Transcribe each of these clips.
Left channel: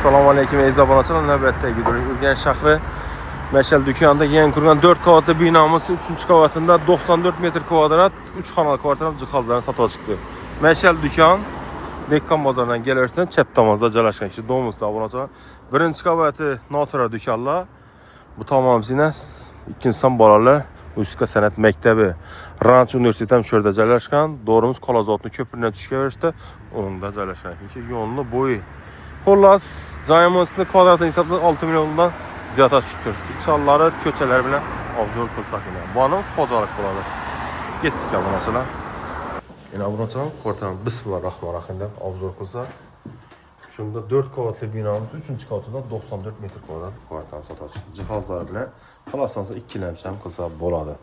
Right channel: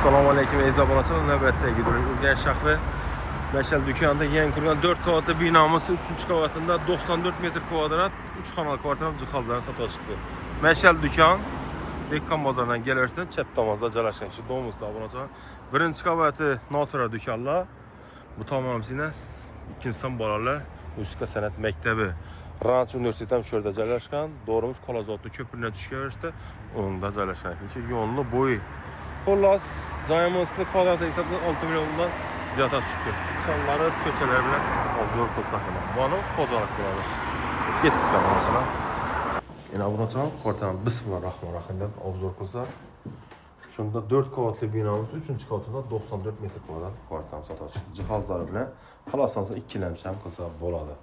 Assalamu alaykum aziz abonachilar. Navbatdagi gidiyoruz. Urganch shahri Mashal dükanında yangi qurgan 4 qavatli binamiz 3 qavatında 94 metr kvadrat 3 xonali kvartirani jihozlarini sotib chiqdi. Mashal dükan Dekkan bozoridan kelayotgan chap tomonda joylashgan. Ichi domimizda abonachilar. Birinchi qavati notura dükanlar. Bu tomonimizda ikkinchi son bolalar musiqa san'at maktabi Ranch universiteti shu yerda joylashgan. Do'rimiz Qolozotni ko'piridan tushga verishdi. O'ngda joylashgan. Ichi yo'lni bo'yi Xullas, joyimizning kvadrat hisobida 6 milliondan ziyod tushdi. Fiksonlari, ko'chalar bilan obzor qilsak edi. Buni xo'jalik bo'ladi. Ketdik abonachilar. Yana abonachilar, kvartalni bismillahirrohmanirrohim deb obzor qilsak, shunda 4 qavatli binomiz 3-qavatida 94 metr kvadrat kvartal sotadi. Jihozlar bilan xalosansa ikkilamcham qilsa bo'ladi.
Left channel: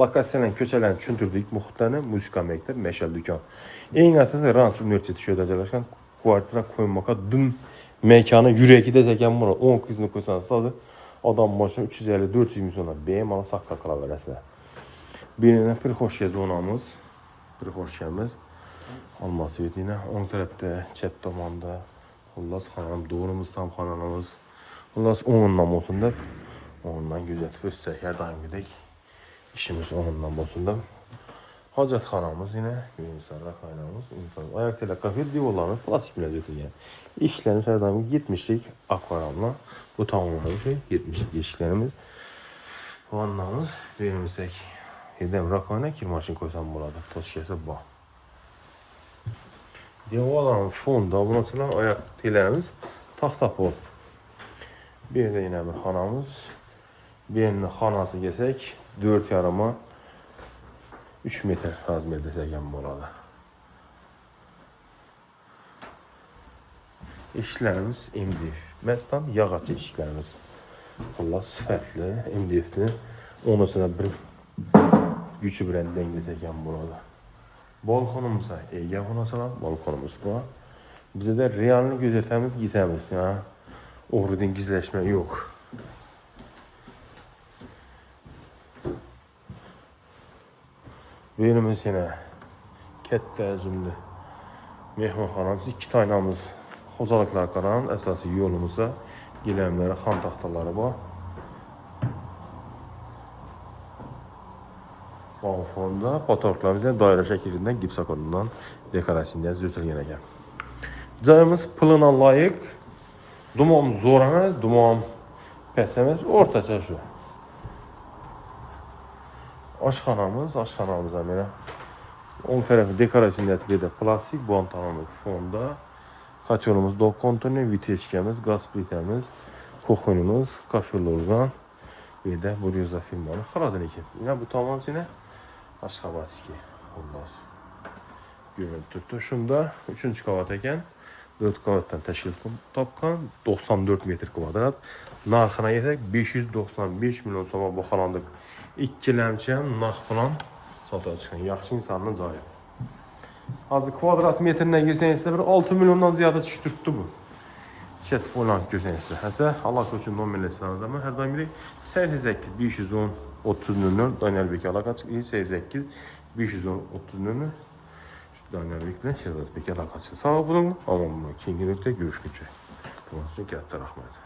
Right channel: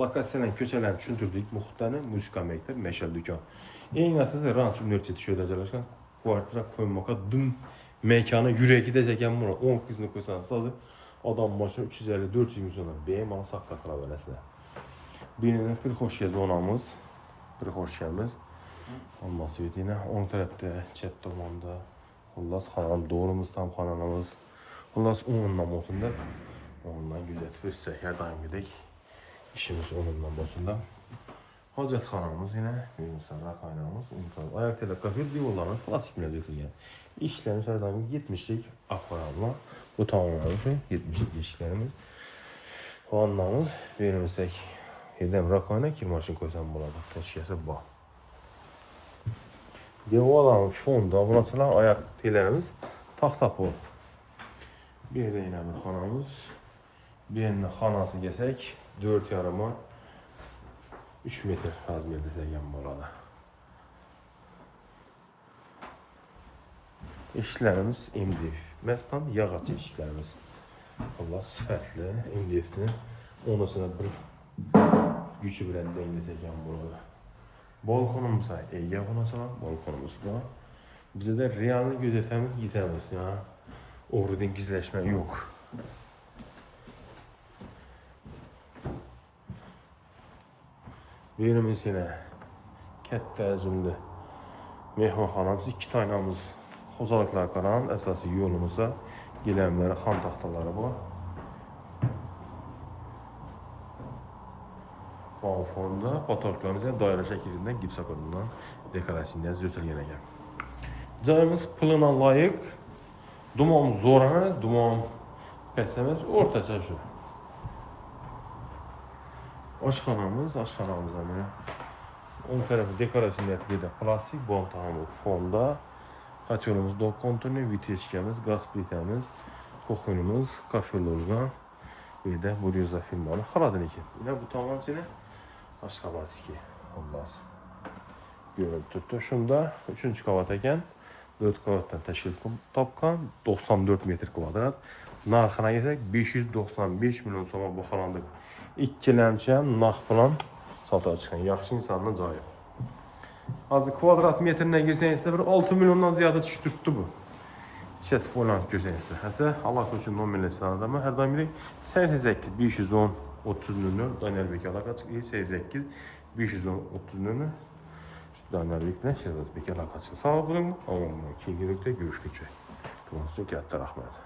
Lokatsiyalarni, ko'chalarni tushuntirdik, muhitlarni, musiqa maktab, Mashal dükan. Eng asosiy Ranch universiteti shu yerda joylashgan. Kvartira koymoqqa dum mekani yuragi desak bo'ladi. 10 qizni qo'ysangiz hozir odam boshini 350-400 ming so'mdan bemalol saqqa qilaverasizlar. Birini Prixoshka zonamiz, Prixoshkamiz Olmos Svetina o'ng tarafda, chet tomonda. Xullas, xonam do'rimiz ham xonamiz. Xullas, o'ngdan bo'lsin deb, o'ngdan kuzatib o'tsak, har doimgidek ishimiz o'ngdan bo'lsin deb. Hojatxonamiz yine Gülünsarlar kaynağımız. Ayak tele kafir diyorlarımız plastik mevzutunga. İşlerimiz her zaman 70'lik akvaryumla. Bu tamamlanan şey 70'lik işlerimiz. Vannamız beğenmişsek yedem rakayına kirmaşın koysam buladı. Toskesi bu. Diyorlarım fonda bunaçılar ayak telerimiz tahta pol. Bir de yine bir xanamız. Birinin xanası gesek 4 yarıma 3 metr razmer desek bo'ladi. Eshiklarimiz MDF. Mestan yağaç eshiklarimiz. Xullas sifatli MDF'ni o'rnasida bir gücü bilan dengesek bo'ladi. Balkonimiz ega bo'lsa, balkonimiz bor. Bizda realni ko'rsatamiz, yetamiz. O'g'ridan gizlashma yo'q. Birimiz yine katta hajmli mehmonxonamiz, 2 taynamiz xo'jaliklar qaran, asosiy yo'limizda gilamlari, xon taxtalari bor. Fonda fotoğraflarımız doira şeklinde gipsakorundan dekorasyonda yozilgan ekan. Joyimiz pulina loyiq. Dumom zo'r emas, dumom past emas, o'rtacha shu. Oshxonamiz mana o'ng tarafı dekorasyon yapıda plastik bontanımız fonda. Katyonumuz dok kontonu, vitechkamiz, gaz plitamiz, kuxonimiz, kafelorgan. Bir de bu yüzde firmanı xaladiniki. Yine bu tamam yine Ashxabadski. Xullas. Görüntü tuttu. Şunda 3. qavat ekan. 4 qavatdan tashkil topgan 94 metr kvadrat. Narxına yetsek 595 milyon so'm bu xonandiq. İkkilamcham narx bilan sotib chiqqan. Yaxshi insonning joyi. Hozir kvadrat metrine girsangiz bir 6 milyondan ziyada tushtiribdi bu. Chat falan görürsünüz. Hasa Allah koçun nominallarında mı her daim 88 510 30 nönü Daniel Bey alakaç 88 510 30 nönü Daniel Bey'le Şehzat Bey alakaç. Sağ olun. Ama bunu ikinci nokta görüşmek üzere. Bunun için katta rahmet.